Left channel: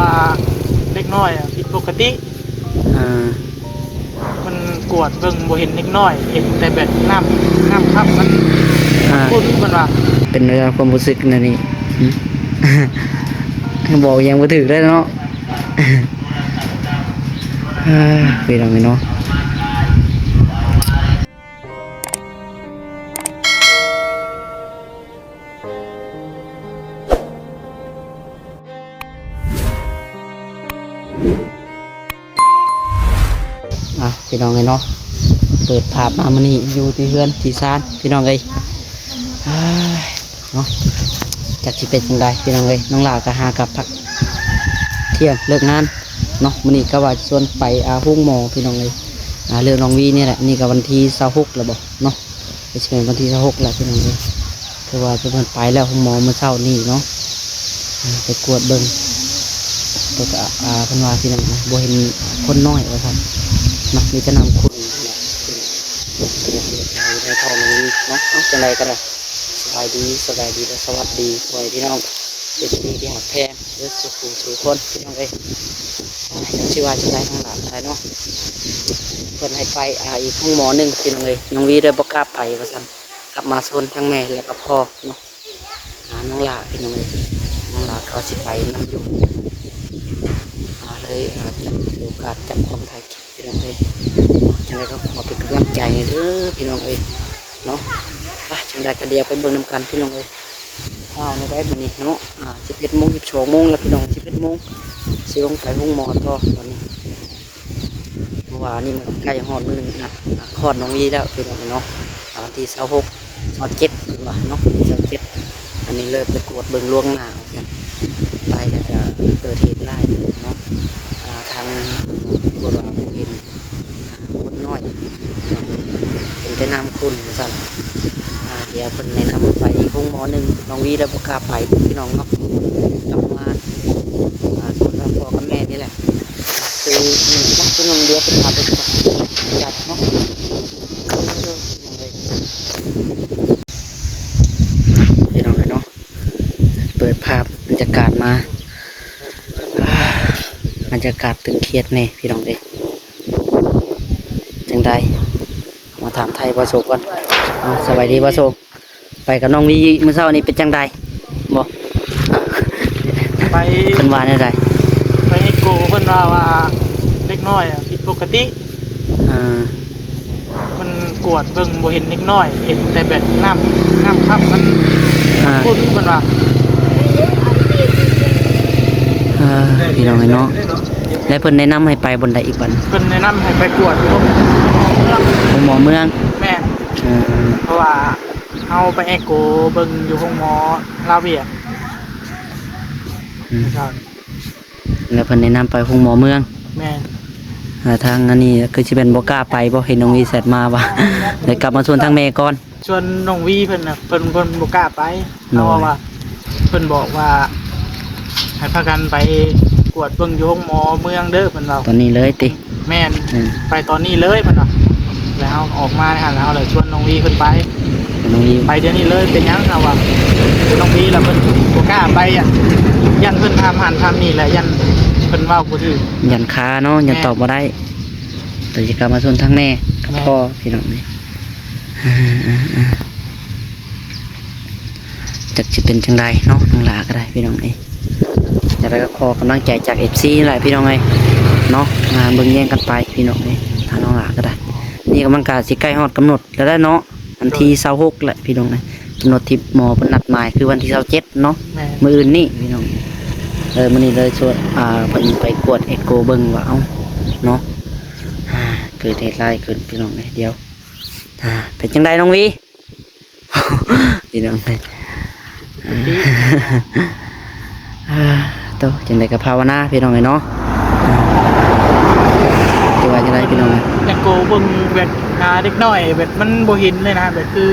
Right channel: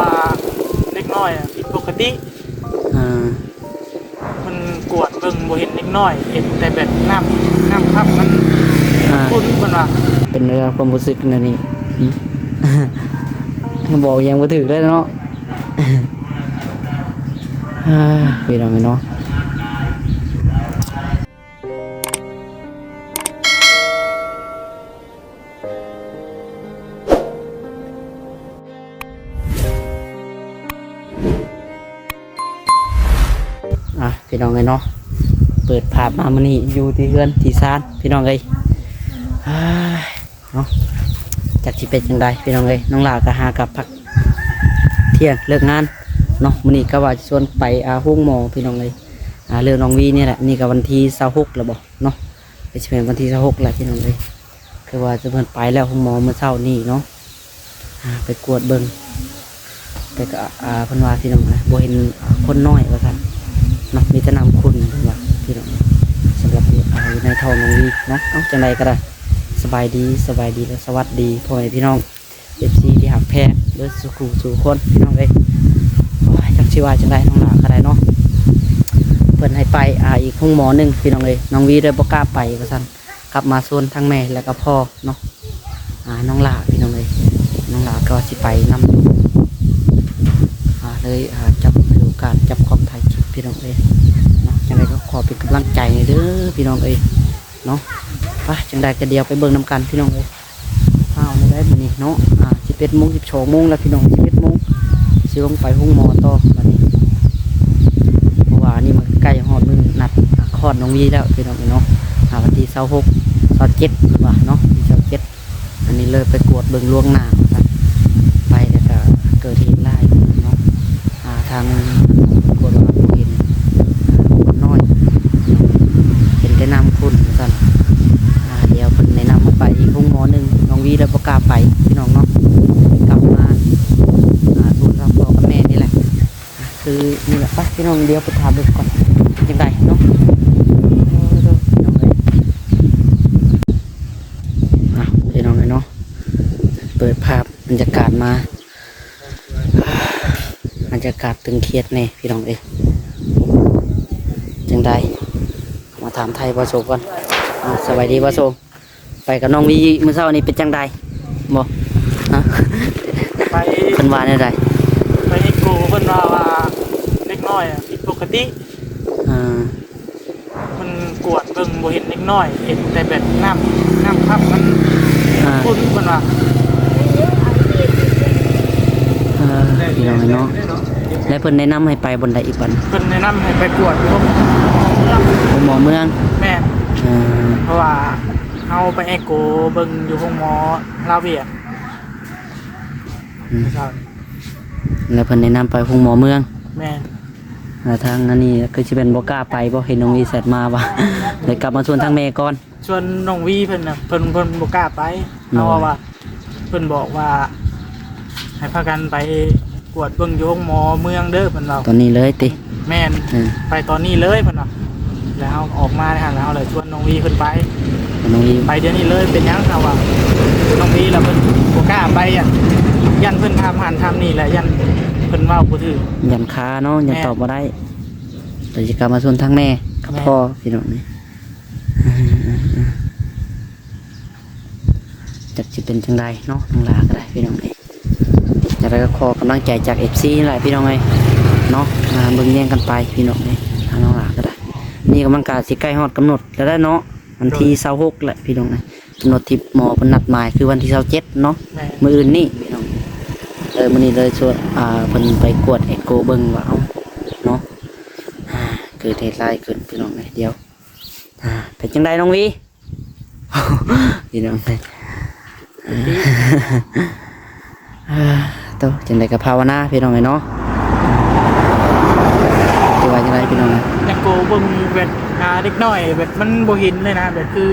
ว่าเล็กน้อยผิดปกติอ่ามันกวดเบิ่งบ่เห็นเล็กน้อยเห็นแต่แบบน้ำค่ำมันคุ้นมันว่าเป็นเรื่องความรู้สึกนั่นนี่บอกยังบ่ถึกได้เนาะพี่น้องเนาะพี่น้องเนาะเปิดภาพมามื้อนี้อยู่ที่เฮือนที่ศาลพี่น้องเนาะจักสิเป็นจังไดพี่น้องน้องหลาก็หากับพักเที่ยงเลิกงานเนาะมื้อนี้ก็ว่าชวนไปห้องหมอพี่น้องเรื่องน้องวีนี่แหละนี่ก็วันที่26แล้วบ่เนาะไปสิเป็นวันที่26แล้วพี่น้องคือว่าจะเพิ่นไปแล้วห้องหมอเมื่อเช้านี้เนาะไปกวดเบิ่งแต่ก็เพิ่นว่าพี่น้องบ่เห็นคนน้อยว่าซั่นเนาะมีแต่น้ำขุ่นว่าพี่น้องสำหรับอยู่ในท้องน้องวีเนาะจังไดก็ได้สบายดีและสวัสดีพ่อแม่พี่น้องเป็นที่หักแพงเด้อสู่คนพี่น้องจักสิว่าจังไดน้องหลาก็ได้เนาะเพิ่นให้ไปอีกห้องหมอนึงพี่น้องน้องวีเลยบ่กล้าไปว่าซั่นกลับมาโซนทั้งแม่แล้วก็พ่อเนาะน้องหลาพี่น้องน้องหลาก็สิไปนำอยู่เลยจับโอกาสจับความถ่ายคลิปพี่น้องจังไดก็ขอเป็นกำลังใจเด้อพี่น้องเนาะจังไดก็เดียวไปเบิ่งน้ำกันพี่น้องข้าวในได้มื้อนี้เนาะ11 โมง 12 โมงแล้วพี่น้อง11 โมงสิลงไปห้องหมอต่อวันนี้เพราะว่านี่มันใกล้ฮอดมื้อนัดคลอดน้องวีแล้วพี่น้องเนาะวันที่26 27เพิ่นว่าเนาะวันที่27อันนี้เลยไปกวดเบิ่งล่วงหน้าไปแล้วก็เกิดเหตุร้ายเนาะทางกวดว่าเห็นคนน้อยเห็นแต่น้ำขุ่นว่าซั่นเดี๋ยวคนในนำมันไปอีกห้องหมอนึงน้องวีแล้วบ่กล้าไปพี่น้องเนาะกลับมาโซนพ่อกับแม่นี่แหละคือนี่แหละไปพี่น้องเดี๋ยวไปถามดูก่อนเป็นไรเนาะพี่น้องเนาะเปิดภาพบรรยากาศมาบรรยากาศตึงเครียดแน่พี่น้องจังใดมาถามไทยบ่โศกก่อนสบายดีบ่โศกไปกับน้องวีเมื่อเช้านี้เป็นจังใดบ่ไปเพิ่นว่าแนวใดไปให้กูเพิ่นว่าเล็กน้อยผิดปกติมันกวดเบิ่งบ่เห็นเล็กน้อยเห็นแต่แบบน้ำค่ำมันคุ้นมันว่าพี่น้องเนาะแล้วเพิ่นแนะนำให้ไปบนใดอีกบัดเพิ่นแนะนำให้ไปกวดห้องหมอเมืองแม่เพราะว่าเอาไปเอโกเบิ่งอยู่ห้องหมอลาเวียแล้วเพิ่นแนะนำไปห้องหมอเมืองแม่ทางอันนี้คือสิเป็นบ่กล้าไปบ่เห็นน้องวีแซดมาว่าเลยกลับมาชวนทางแม่ก่อนชวนน้องวีเพิ่นเพิ่นบ่กล้าไปเพราะว่าเพิ่นบอกว่าให้พากันไปกวดเบิ่งอยู่ห้องหมอเมืองเด้อเพิ่นว่าตอนนี้เลยติแม่นไปตอนนี้เลยเพิ่นว่าแล้วออกมาแล้วเราเลยชวนน้องวีเพิ่นไปน้องวีไปเดี๋ยวนี้เลยเป็นยังครับว่าน้องวีแล้วเพิ่นบ่กล้าไปยันเพิ่นทำนี่แหละยันเพิ่นเว้าบ่ถือยันคาเนาะยันตอบบ่ได้แต่สิกลับมาชวนทางแม่กับพ่อพี่น้องนี่จักสิเป็นจังไดเนาะน้องหลาก็ได้พี่น้องจะได้ก็ขอกำลังใจจาก FC หลายพี่น้องเนาะมาเบิ่งแย่งกันไปพี่น้องทางน้องหลาก็ได้นี่กำลังการสิใกล้ฮอดกำหนดแล้วได้เนาะวันที่26แหละพี่น้องกำหนดที่หมอเพิ่นนัดหมายคือวันที่27เนาะมื้ออื่นนี่พี่น้องมื้อนี้เลยชวนเพิ่นไปกวดเอ็กโกเบิ่งว่าเนาะเกิดเหตุร้ายขึ้นพี่น้องเดี๋ยวเป็นจังไดน้องวีพี่น้องโตจังไดก็ภาวนาพี่น้องเนาะที่ว่าจังไดพี่น้องแต่โกเบิ่งแบบเด็กน้อยแบบมันบ่เห็นเลยนะแบบคือ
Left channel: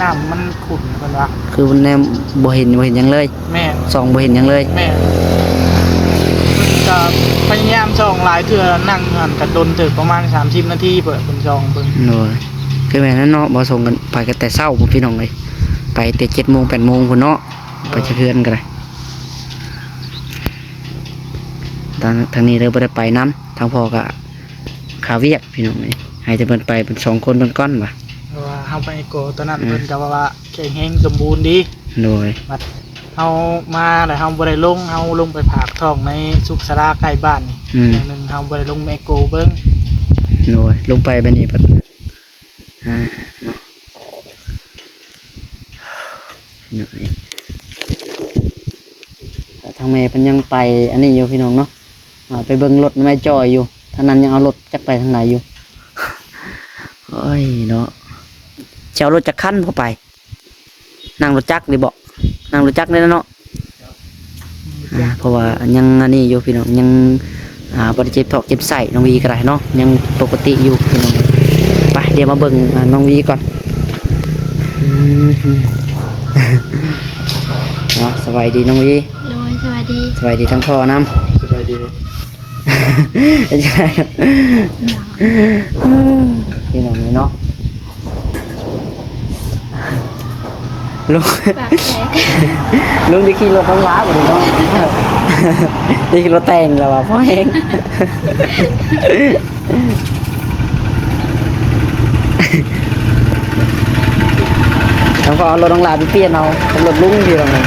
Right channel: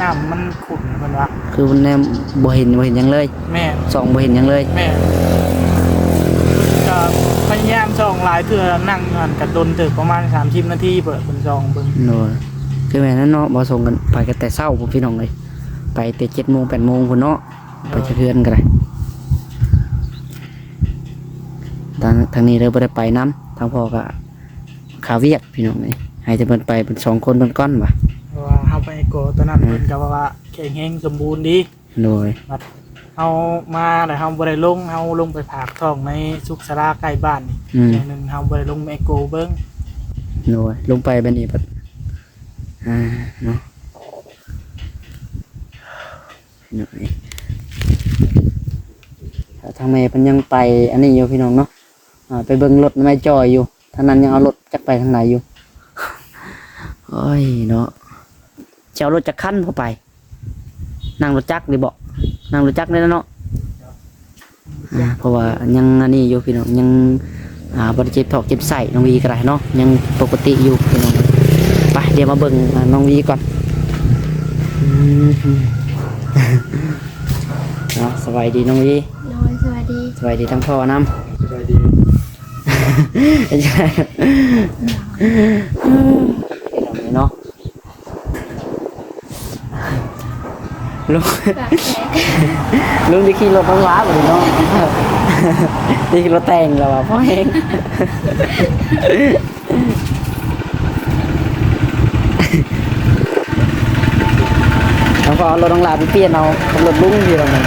น้ำมันขุ่นเพิ่นว่าคือมันบ่เห็นหยังเลยแม่ส่องบ่เห็นหยังเลยแม่เพิ่นก็พยายามส่องหลายเทื่อนั่งกันดนถึงประมาณ30 นาทีเปิดเพิ่นส่องเบิ่งโน่คือแม่นั้นเนาะบ่ส่งกันไปกันแต่เช้าพี่น้องไปแต่7 โมง 8 โมงพุ่นเนาะไปจะเฮือนกันเลย ทางนี้เลยบ่ได้ไปน้ำทางพ่อก็ขาเวียกพี่น้องนี่ให้จะเพิ่นไปเป็น2คนเพิ่นก้อนว่ะ เพราะว่าเฮาไปโกตอนนั้นเพิ่นก็ว่าแข็งแรงสมบูรณ์ดี โดย บัดเฮามาแล้วเฮาบ่ได้ลงเฮาลงไปผากท้องในสุขศาลาใกล้บ้านนี่อย่างหนึงเฮาบ่ได้ลงแมโกเบิ่ง โดยลงไปบัดนี้บัดเนาะพี่น้องนี่ทางแม่เพิ่นยังไปอันนี้อยู่พี่น้องเนาะไปเบิ่งรถแม่จอยอยู่ทางนั้นยังเอารถจักไปทางไหนอยู่ โอ้ยเนาะจะเอารถจักรคันเข้าไปนั่งรถจักรหรือบ่นั่งรถจักรได้แล้วเนาะเพราะว่ายังอันนี้อยู่พี่น้องยังบริเจ็บท้องเจ็บไส้น้องวีก็ได้เนาะยังปกติอยู่พี่น้องไปเดี๋ยวมาเบิ่งน้องวีก่อนเนาะสบายดีน้องวี โดยสวัสดี สบายดีทั้งพ่อน้ำ สบายดี ใช่พี่น้องนี่เนาะลุง ปากแตก ลุงได้ขี่รถต้องล้าไปเลยเนาะได้ขี่รถแต่งแล้วว่ะพ่อเองแล้วก็เอารถต้องล้าไปเปลี่ยนเอากับรถลุงพี่น้องเลย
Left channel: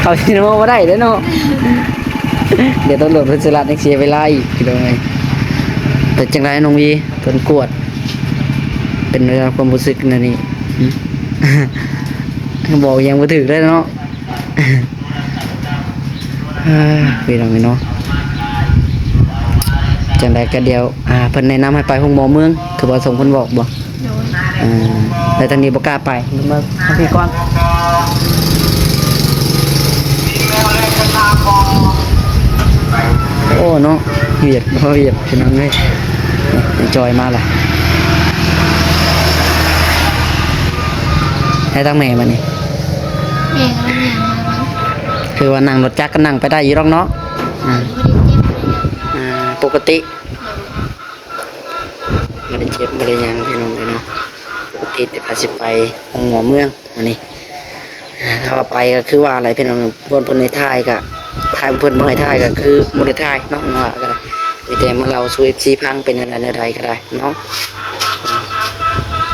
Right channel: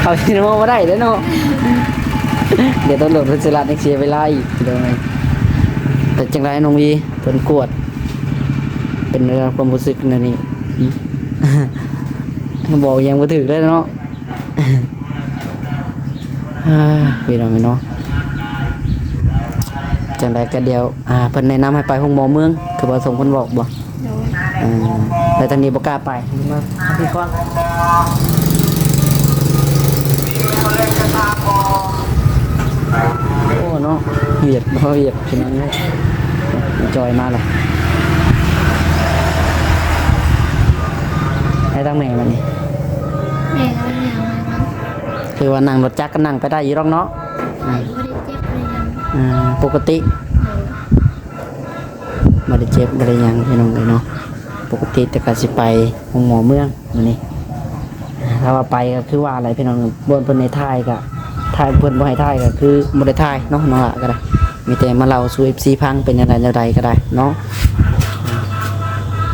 เขาที่น้องมาได้เด้อเนาะเดี๋ยวต้องโหลดรถสลัดให้เสียเวลาอีกพี่น้องเลยแต่จังไรน้องวีเพิ่นกวดเป็นเรื่องความรู้สึกนะนี่ บอกยังบ่ถึกได้เนาะ พี่น้องเนาะจังไดก็เดียวเพิ่นแนะนำให้ไปห้องหมอเมืองคือบ่ส่งเพิ่นบอกบ่ โดย แต่ทางนี้บ่กล้าไปมาทางนี้ก่อนโอ้เนาะเวียดบ่เวียดพี่น้องเอ้ยจอยมาล่ะให้ตั้งแม่มานี่ แม่กำลังยางมามัน คือว่านั่งรถจักรก็นั่งไปได้อยู่หรอกเนาะ บ่ได้เจ็บบ่ได้หยังปกติไม่ได้เจ็บไม่ได้หยังพี่น้องเลยเนาะปกติแต่ก็สิไปห้องหมอเมืองอันนี้ถ้าว่าไปก็คือว่าอะไรพี่น้องบนเพิ่นในท่ายก็ท่ายเพิ่นบ่ให้ท่ายก็คือบ่ได้ท่ายเนาะเนาะก็ได้มีแต่มาเล่าสู่ FC พังเป็นอะไรใดๆก็ได้เนาะ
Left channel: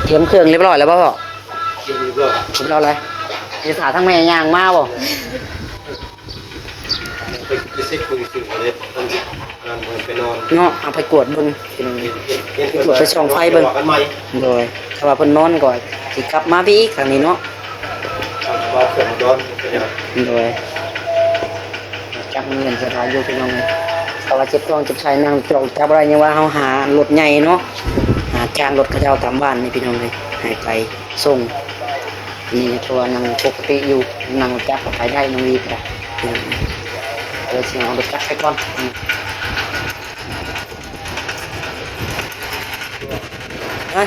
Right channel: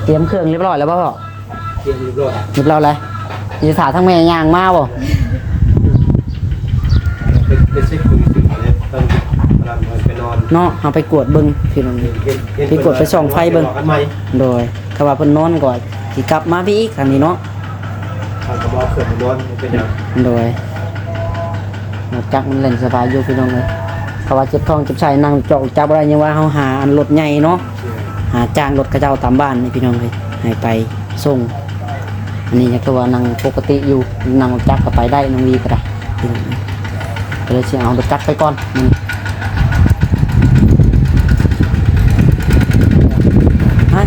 เตรียมเครื่องเรียบร้อยแล้วบ่พ่อ เรียบร้อย เรียบร้อยเลยมีสาทั้งแม่ย่างมาบ่ ไปเช็คคุณถึงเลยตอนกำลังไปนอน เนาะเอาไปกวดเบิ่งพี่น้องพี่กวดไปส่องไฟเบิ่ง กันใหม่ โดยถ้าว่าเพิ่นนอนก่อนสิกลับมาพี่อีกทางนี้เนาะ เอากระบอกเครื่องนอนเป็นยัง โดยจักมันเล่นสบายอยู่พี่น้องเลยเขาว่าเจ็บท้องเจ็บไส้นั่งจอกจับอะไรยังว่าเฮาหารถใหญ่เนาะหาจ้างรถเขาเจ้าตามบ้านนี่พี่น้องเลยให้ไปส่งอันนี้ก็ว่านั่งปกติอยู่นั่งรถจักรก็ไปได้น้องวีก็ได้พี่น้องเอ้ยก็เลยสิเอารถจักรไปก่อนเฮ้ย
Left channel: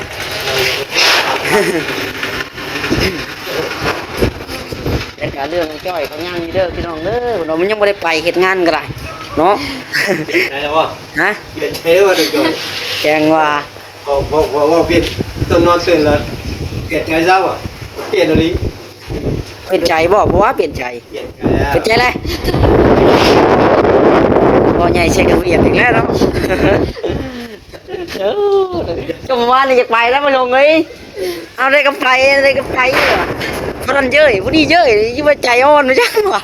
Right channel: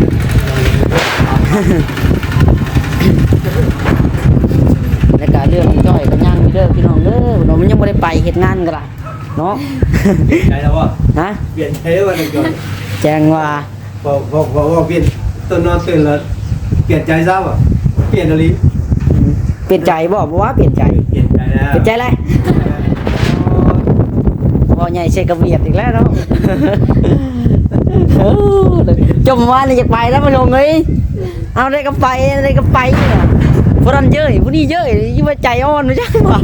แล้วก็เรื่องจ้อยกับงานนี่เด้อพี่น้องเด้อเรามันยังไม่ได้ไปเฮ็ดงานก็ได้เนาะ ได้แล้ววะ ฮะ เปลี่ยนเช้ว่าเดี๋ยว แจ้งว่า พอเปลี่ยนต้นนอนตื่นแล้วเปลี่ยนใจซ้ำอ่ะเปลี่ยนอะไร เปลี่ยนใจบ่เพราะว่าเปลี่ยนใจ เปลี่ยนใจแล้ว เปลี่ยนใจเลยพอใหญ่เชกระเบียดอีกแล้วเนาะจมว่าเลยอยากไปแล้วมาลงเลยเอาได้ก็ไปได้ก็ไปเหรอพนันเยอะพวกนี้เยอะยิ่งว่าใจอ่อนนะจังหวะ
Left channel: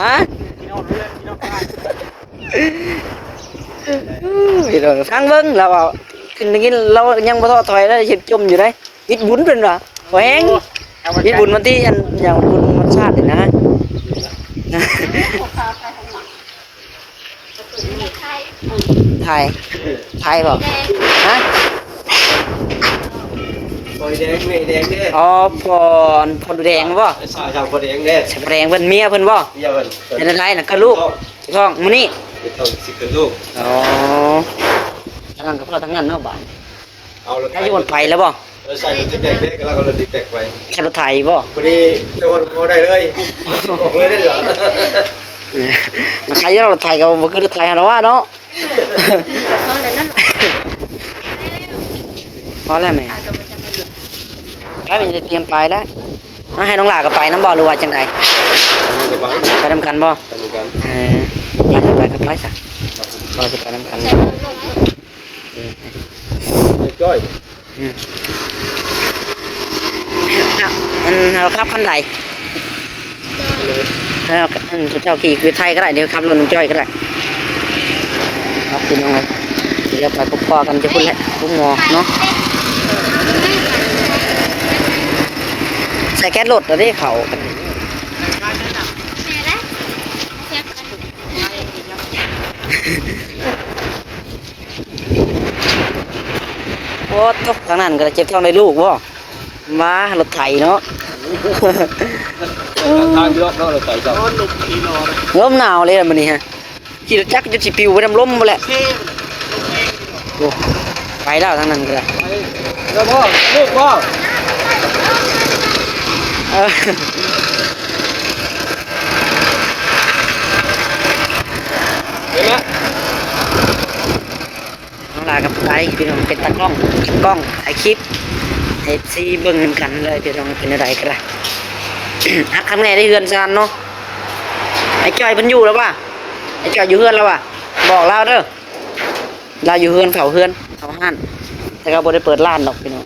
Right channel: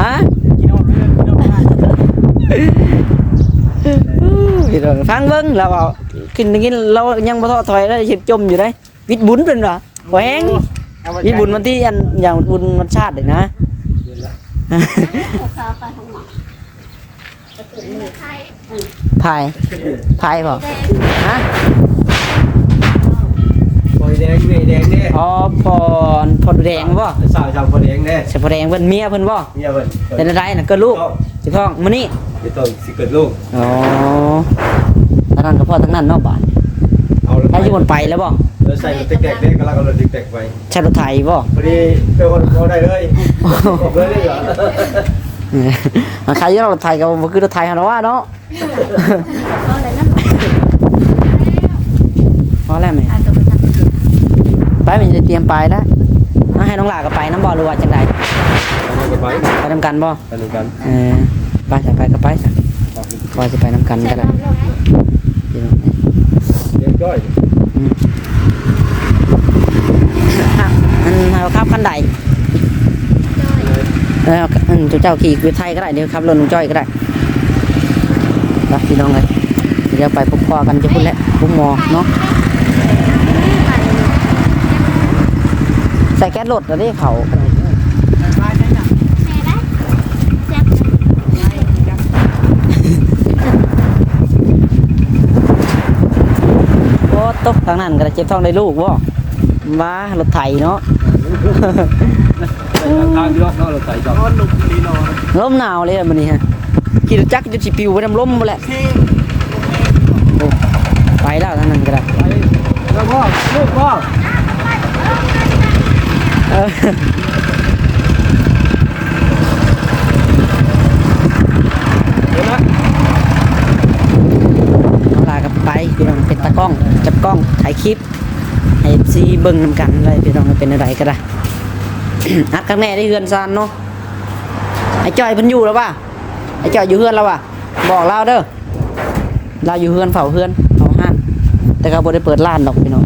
ฮะ พี่น้องฟังเบิ่งเราเอาขึ้นอย่างนี้เรายังบ่ท้อถอยแล้วเห็นจมอยู่ได้วิทย์บุญเป็นว่ะบ่แฮงวิทย์บุญวันที่อันอย่างบุญวันชาตินี่นะถ่ายบ่ฮะ พอแดงเมแดงเด้ อ๋อพรดูแดงบ่ สาวชาวพอแดงเด้ ใช่พรแดงเพิ่นเมียเพิ่นบ่ เนี่ยเพิ่น เป็นอะไรน่ะก็ลูกถูกต้องมื้อนี้ ไม่ต้องสิเกิดลูก อ๋อทั้งนั้นก็พ่อทั้งนั้นเนาะบ้าน เอารถ ถ้าอยู่บนไปแล้วบ่ ใส่รถเด็กๆเด้กำลังเอารถเด็กๆไป ใช่รถไถบ่ พอดีเจ้าคนพอได้เลยบอกเลยได้เหรอ ใครจะเราถ่ายกับบ่คือถ่ายหาเราว่าเนาะพอแล้วแม่ไปมันจะเตรียมไปแล้วให้น้องหลากับไปน้ำบ่อหรือว่าจังได กันไป ไปนำกันบ่ ไปเหมือนกัน ไปก็ไปจ้ะพอจะไปนำกันก็ได้ จ้อย มันเราขับคันใดเจ้าขี่วิทยก็ได้เดี๋ยวขับรถน้องจ้อยก็ได้ไปพี่น้องเลยเดี๋ยวไปพบพ่อกันจะพูดแล้วพบหมอเนาะใส่แก๊สรถแล้วได้เขาโอ้ตกทางนั้นก็เจ็บท้องได้ลูกวะมารถไถเนาะ ทางเยอะเนาะเราใส่จับ ลมหนาวเลยมันนี่ฮะขี่รถจักรจะสิปิวไปน้ำลมหมดแหละโอ้ไปแล้วทางนั้นก็ได้ แล้วพ่อลูกพ่อ เออ เห็นไหม น้องลากับไปพี่น้องเป็นตากล้องกับกล้องถ่ายคลิปให้ซีเบิ้งนำกันเลยพี่น้องเป็นอะไรก็ได้ ฮักข้างแม่ได้เฮือนซานเนาะไอ้จ้อยเพิ่นอยู่แล้วป่ะไอ้จ้อยอยู่เฮือนแล้วป่ะบอกเราเด้อเราอยู่เฮือนเฝ้าเฮือนเฝ้าห้านแต่ก็บ่ได้เปิดร้านดอกพี่น้อง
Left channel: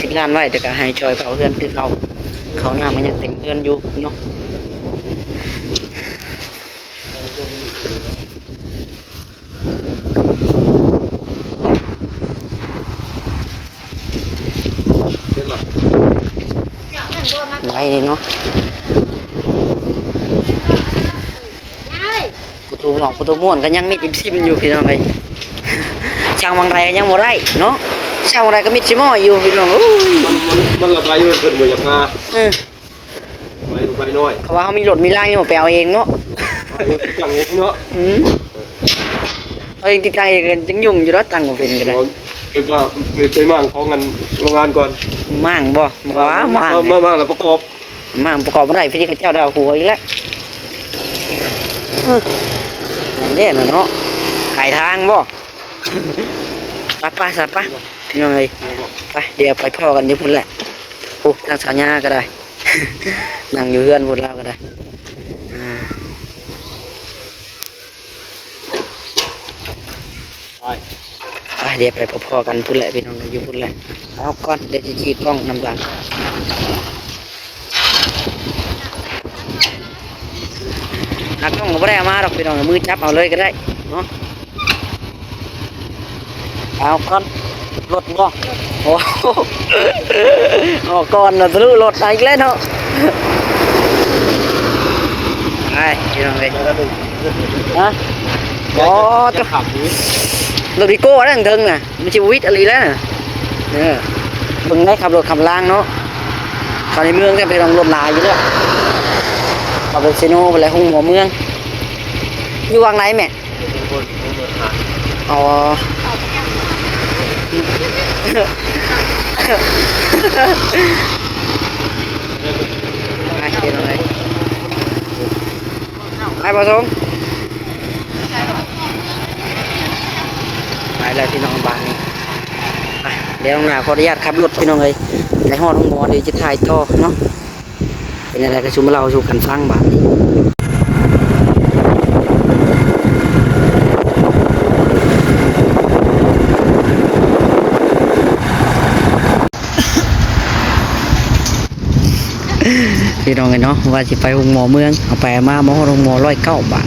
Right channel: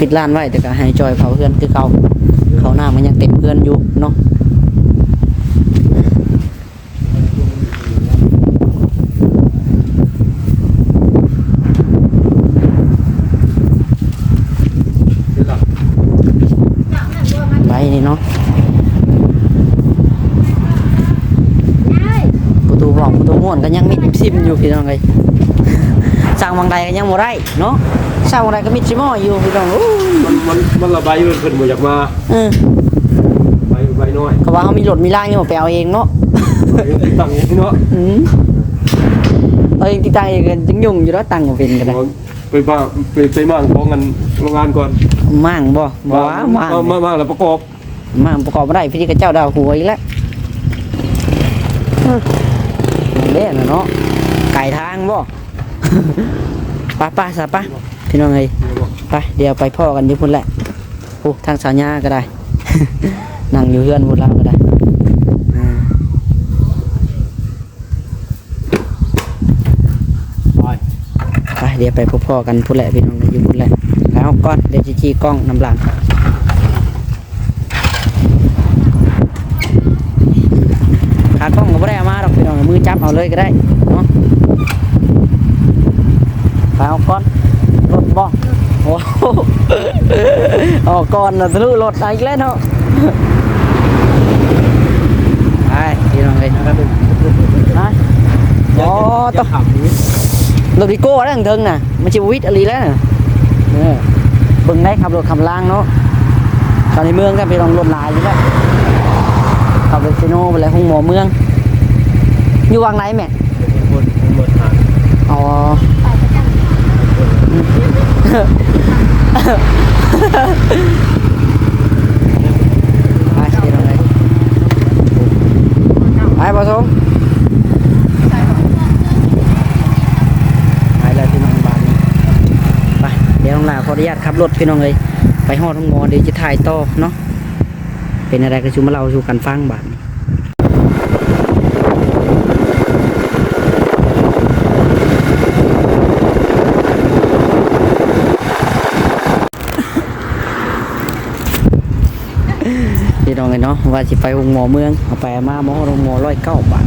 ปิดร้านไว้แต่ก็ให้จ้อยเฝ้าเฮือนคือเขาหน้ามันยังเต็มเฮือนอยู่เนาะ เห็นหรอ ไรนี่เนาะประตูห้องประตูม้วนก็ยังมิดซิมอยู่พี่น้องเลย สร้างบางใดก็ยังบ่ได้เนาะสร้างบางใดก็มิดซิมออยู่พี่น้องโอ้ย มันระบายมันเพิ่นบ่อยากมา ใบน้อย เขาว่าเขามีรถมีร่างนี่มาแปลเอาเองเนาะ ตั้งเนาะ เอาเองติดตั้งเองจึงยุ่งอยู่แล้วตั้งก็เป็นก็ได้ ไปใจมั่งของงานโรงงานก่อน มั่งบ่ว่ามั่ง มาแล้วประกอบ มั่งประกอบบ่ได้พี่เขาเจ้าดาวหัวอีกแล้วนั่นแหละเนาะไก่ทางบ่ ไปซะไปพี่น้องเอ้ยไปเดี๋ยวไปพ่อกันอยู่พุ่นแหละโอ้ทางสาวญาก็ได้ นั่งอยู่เฮือนพุ่นเราก็ได้ไปเดี๋ยวไปพ่อกันพุ่นแหละพี่น้องอยู่พุ่นแหละเอาก้อนเดี๋ยวจะจี้กล้องนำหลังหากล้องก็ไม่ได้เอามาหรอกพี่น้องมือจับเอาเลยก็ได้เนาะเอาก้อนรถบ่โอ้โหอ๋อก้อนน่ะทะลุรถอีกแล้วเนาะไปพี่น้องเลยฮะอ๋อต้อง ขับนี้ รถดิโก้นั่งเทิงน่ะมันจะวิทย์อะไรแล้วน่ะเนี่ยเบิ่งได้ขับรถขับล่างเนาะตอนในเมืองก็ไปลองรถลายอยู่แล้วขับรถเซโน่ไปเลยห้องหมอเมืองอยู่วางไหนแม่ คนมาทาน อ๋อ ไปเดี๋ยวเลยไปผสมไปแล้วพี่น้องบ้านนี้ไปเดี๋ยวน้องนาขออนุญาตขับรถพี่น้องเลยไปฮอดห้องหมอเดี๋ยวจะถ่ายต่อเนาะเป็นอะไรก็ชุมเราสู่กันฟังบ้านนี้พี่น้องเนาะว่าสิไปห้องหมอเมืองเอาไปมาหมอห้องหมอ109 บาท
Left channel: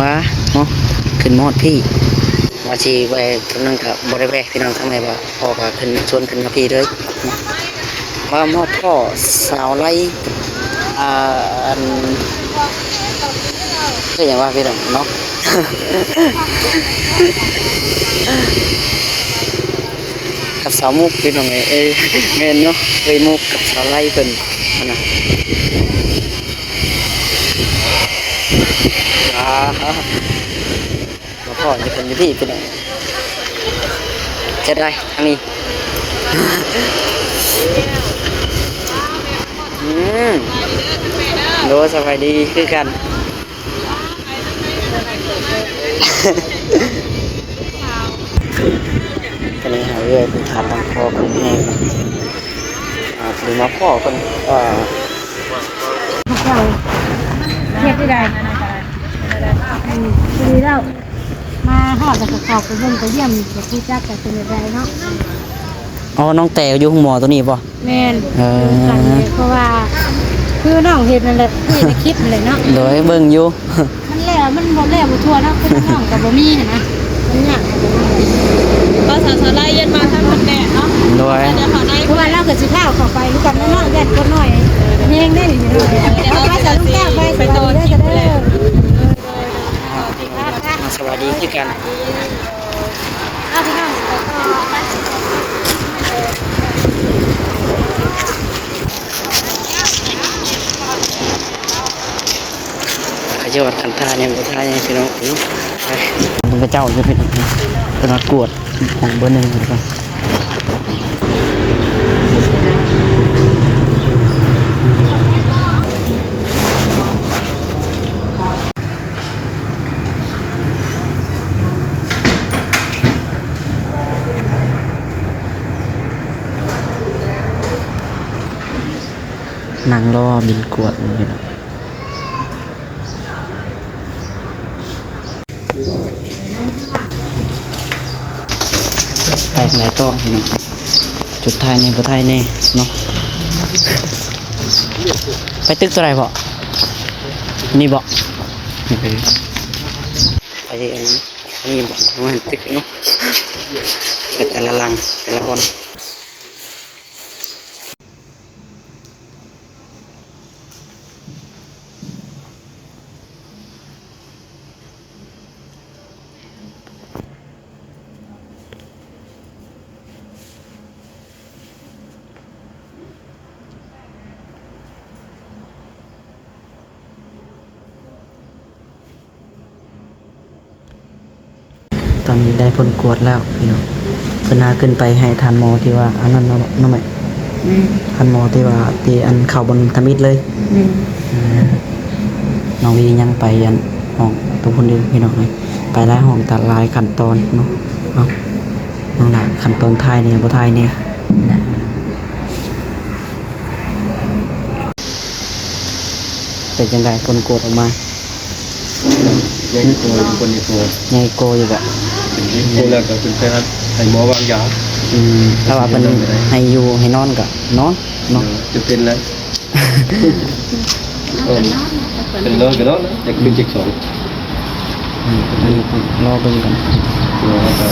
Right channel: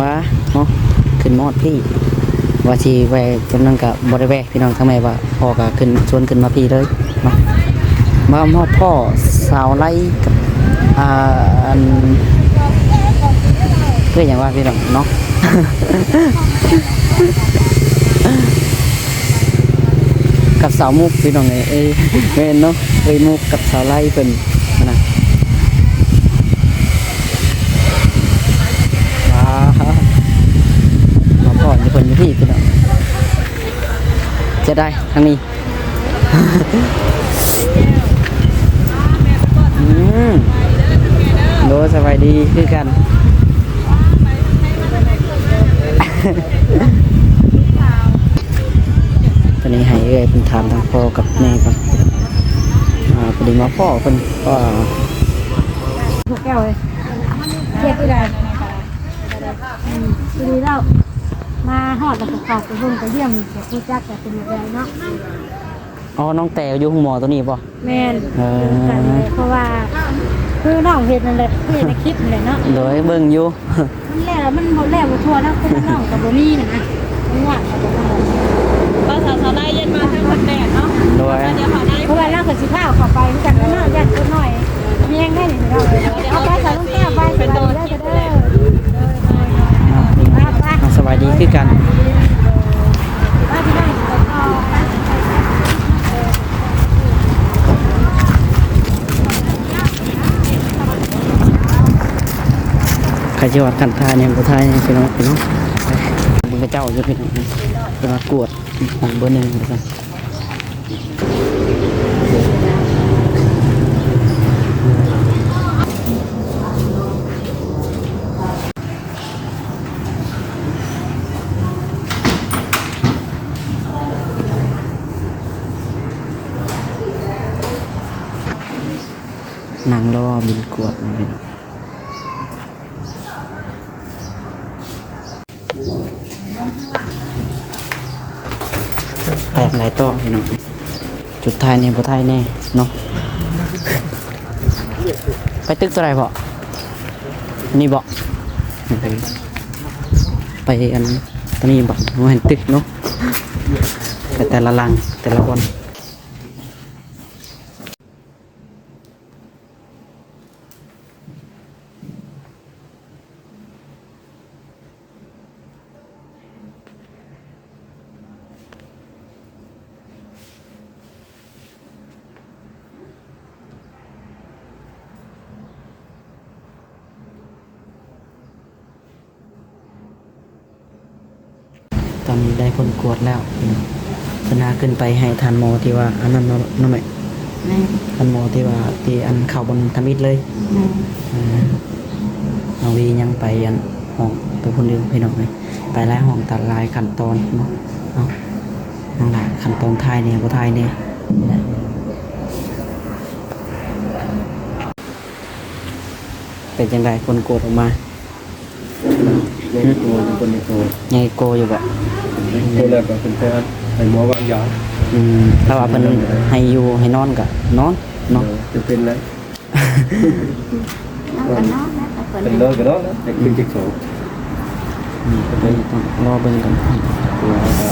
มาเนาะขึ้นมอดพี่ว่าสิไปกำลังกับบริเวณพี่น้องทำไมว่าพ่อก็ขึ้นชวนขึ้นมาพี่เลยเนาะมามอบพ่อสาวไล่อันเรียกอย่างว่าพี่น้องเนาะ กับสาวมุกพี่น้องเอ้ยเงินเนาะเอ้ยมุกกับสาวไล่เป็นนะมาพ่อจะเป็นอยู่พี่พี่น้องจะได้ทางนี้ โลสบายดีคือกัน ตอนนี้หายเลยเป็นฐานทางพ่อกับแม่กันพอดีมาพ่อคนว่า จ้าเลยเทียบที่ใดดีแล้วมาหอดกับขอบไปเบิ่งไปเยี่ยมกับผู้จักกับเป็นอะไรเนาะ อ๋อน้องแต่อยู่ห้องหมอตัวนี้ป่ะ แม่นเพราะว่าคือน้องเห็นนั่นแหละเห็นในคลิปนั่นแหละเนาะ โดยเบิ่งอยู่ มันแล้วมันหมดแล้วบ่ทั่วแล้วคนน้องกับบ่มีน่ะนะมันยากก็สาวๆไล่เย็นมาทั้งหมดแดดเนาะ โดย เพราะว่าเราก็สิพาเข้าไปกันน้องแดดคนหน่อยเฮงได้นี่เนาะเดี๋ยวไปใส่ลูกแก้วไปโดนเด้อ สวัสดีที่กันใครจะวัดขันทาเนี่ยก็ทายพี่น้องเนาะมึงกระเจ้าจะพี่น้องเป็นวัดกวดของเบอร์หนึ่งดีกว่านางล่อบินกวดพี่น้องแปลกหลายโต๊ะพี่น้องจุดท้ายเนี่ยบ่ท้ายแน่เนาะไปตึกตัวไหนบ่นี่บ่ไปอันนี้บ่มาเห็นตึกเนาะไปแต่ละลังแต่ละคนตอนนี้ได้ผลกวดแล้วพี่น้องเพิ่นหาขึ้นไปให้ทานหมอที่ว่าอันนั้นเนาะแม่ทานหมอที่ว่าที่อันเข้าบนทมิตเลยน้องวียังไปยันห้องตัวคนเดียวพี่น้องเลยไปหลายห้องตัดลายขั้นตอนเนาะเอาน้องหลายขั้นตอนท้ายเนี่ยบ่ท้ายเนี่ยเป็นจังไดผลกวดออกมา ในโกนคนในโก ใหญ่โกอยู่บ่ โกแล้วก็เป็นแพทย์ให้หมอวางยา ถ้าว่าเพิ่นให้อยู่ให้นอนก็นอนเนาะ จะเป็นแล้วเป็นนอนก็นอนนะแต่เป็นจิกสอง อันนี้ต้องรอเบิ่งกัน ตัวก็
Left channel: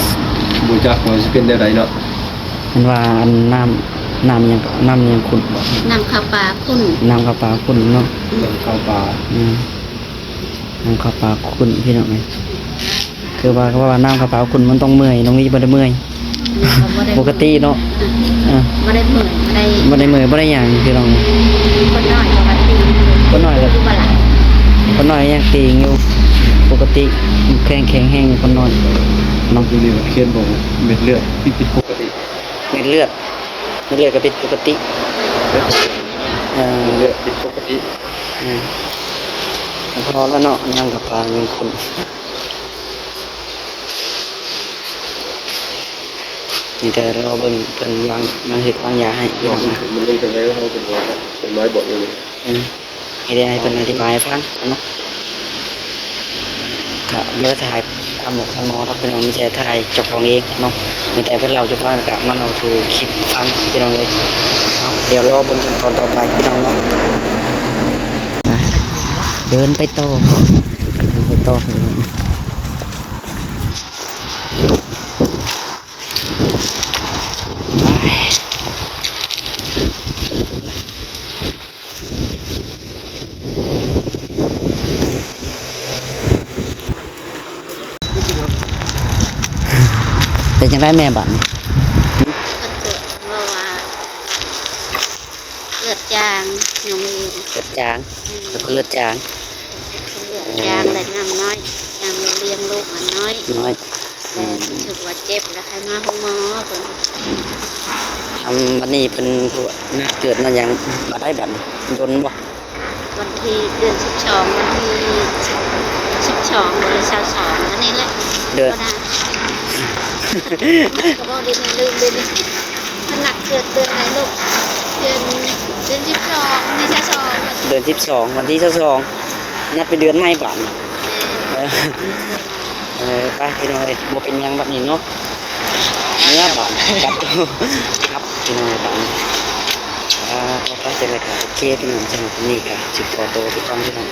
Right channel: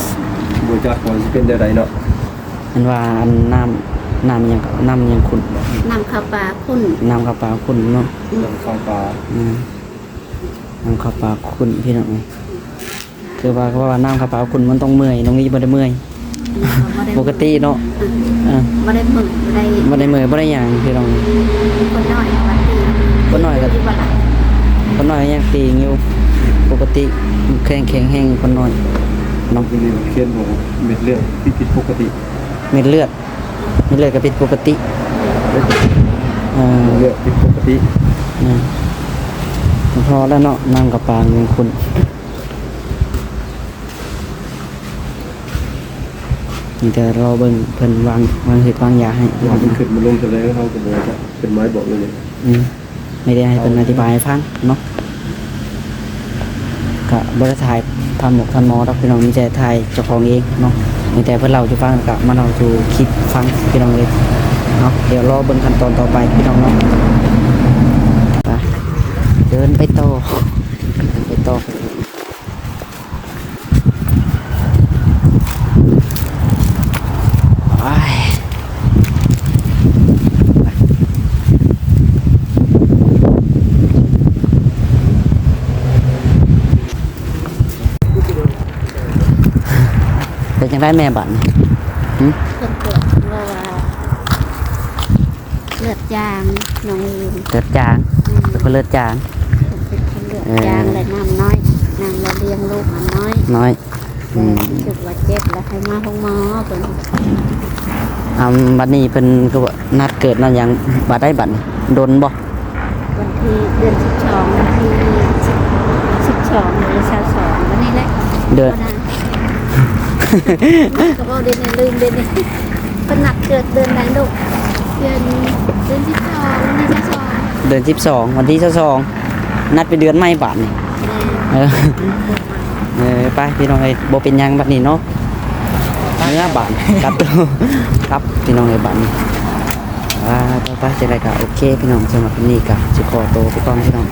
บูจักว่าจะเป็นได้เนาะ เห็นว่าอันน้ำหยังก็น้ำหยังขุ่นบ่ นำข้าวปลาคุณ น้ำข้าวปลาขุ่นเนาะ ลำข้าวปลา น้ำข้าวปลาขุ่นพี่น้องเอ้ยคือว่าเขาว่าน้ำข้าวปลาขุ่นมันต้องเมื่อยน้องนี่บ่ได้เมื่อยปกติเนาะบ่ได้มึกได้ บ่ได้เมื่อยบ่ได้หยังพี่น้อง คนน้อยปกติคนน้อยก็คนน้อยยังตีงอยู่ปกติแข็งแห้งคนน้อย น้องที่นี่มันเขียนบอกเม็ดเลือดผิดปกติ เม็ดเลือดก็เป็นปกติเลือดผิดปกติ พอแล้วเนาะน้ำกับปลายังคุณนี่แต่รอเบิ่งเพิ่นวางเห็ดวางยาให้พี่ บอ น้ ก อง มัน นะ ขึ้นมาลงกันแล้วเขาจะบอกว่าเป็นไม้บอกเลย ให้ได้ให้เพิ่นอธิบายให้ฟังเนาะก็บ่ได้ถ่ายทำหมกทำหมอครับพี่น้องมีแต่ถ่ายเจ้าของเองเนาะมีแต่เพิ่นเล่าจะฟังก็มาเล่าสู่คลิปฟังพี่น้องเลยเนาะเดี๋ยวรอเบิ่งขั้นตอนต่อไปพี่น้องเนาะไปเดินไปต่อไปต่อไปเป็นยังไงแม่บัตร เพิ่นเกิดเพราะว่าเลือดจางน้องมี เลือดจางเป็นคนเลือดจาง เลือดจางและน้ำน้อยน้ำเราเลี้ยงลูกมันน้อย น้อย รู้สึกว่าเจ็บแล้วให้มาห้องหมอเพิ่น บัดนี้เพิ่นคือว่านัดเกิดเนาะยังบัดได้บัดนี่โดนบ่ วันที่เดือน12วันที่12หรือ22วันนี้แหละ เดือน ก็ได้ก็บ่ได้ลืมเดือนนี้เพิ่นนัดเกิดเดือนไหนลูก เดือน12ที่22 เดือน12วันที่22นัดไปเดือนใหม่บาดนี้เออไปพี่น้องเอ้ยบ่เป็นหยังบัดนี้เนาะเนื้อบาดกัดครับพี่น้องเอ้ยบาดนี้ต่อไปจะได้ก็โอเคพี่น้องสำหรับวันนี้ก็สิขอตัวไปก่อนพี่น้อง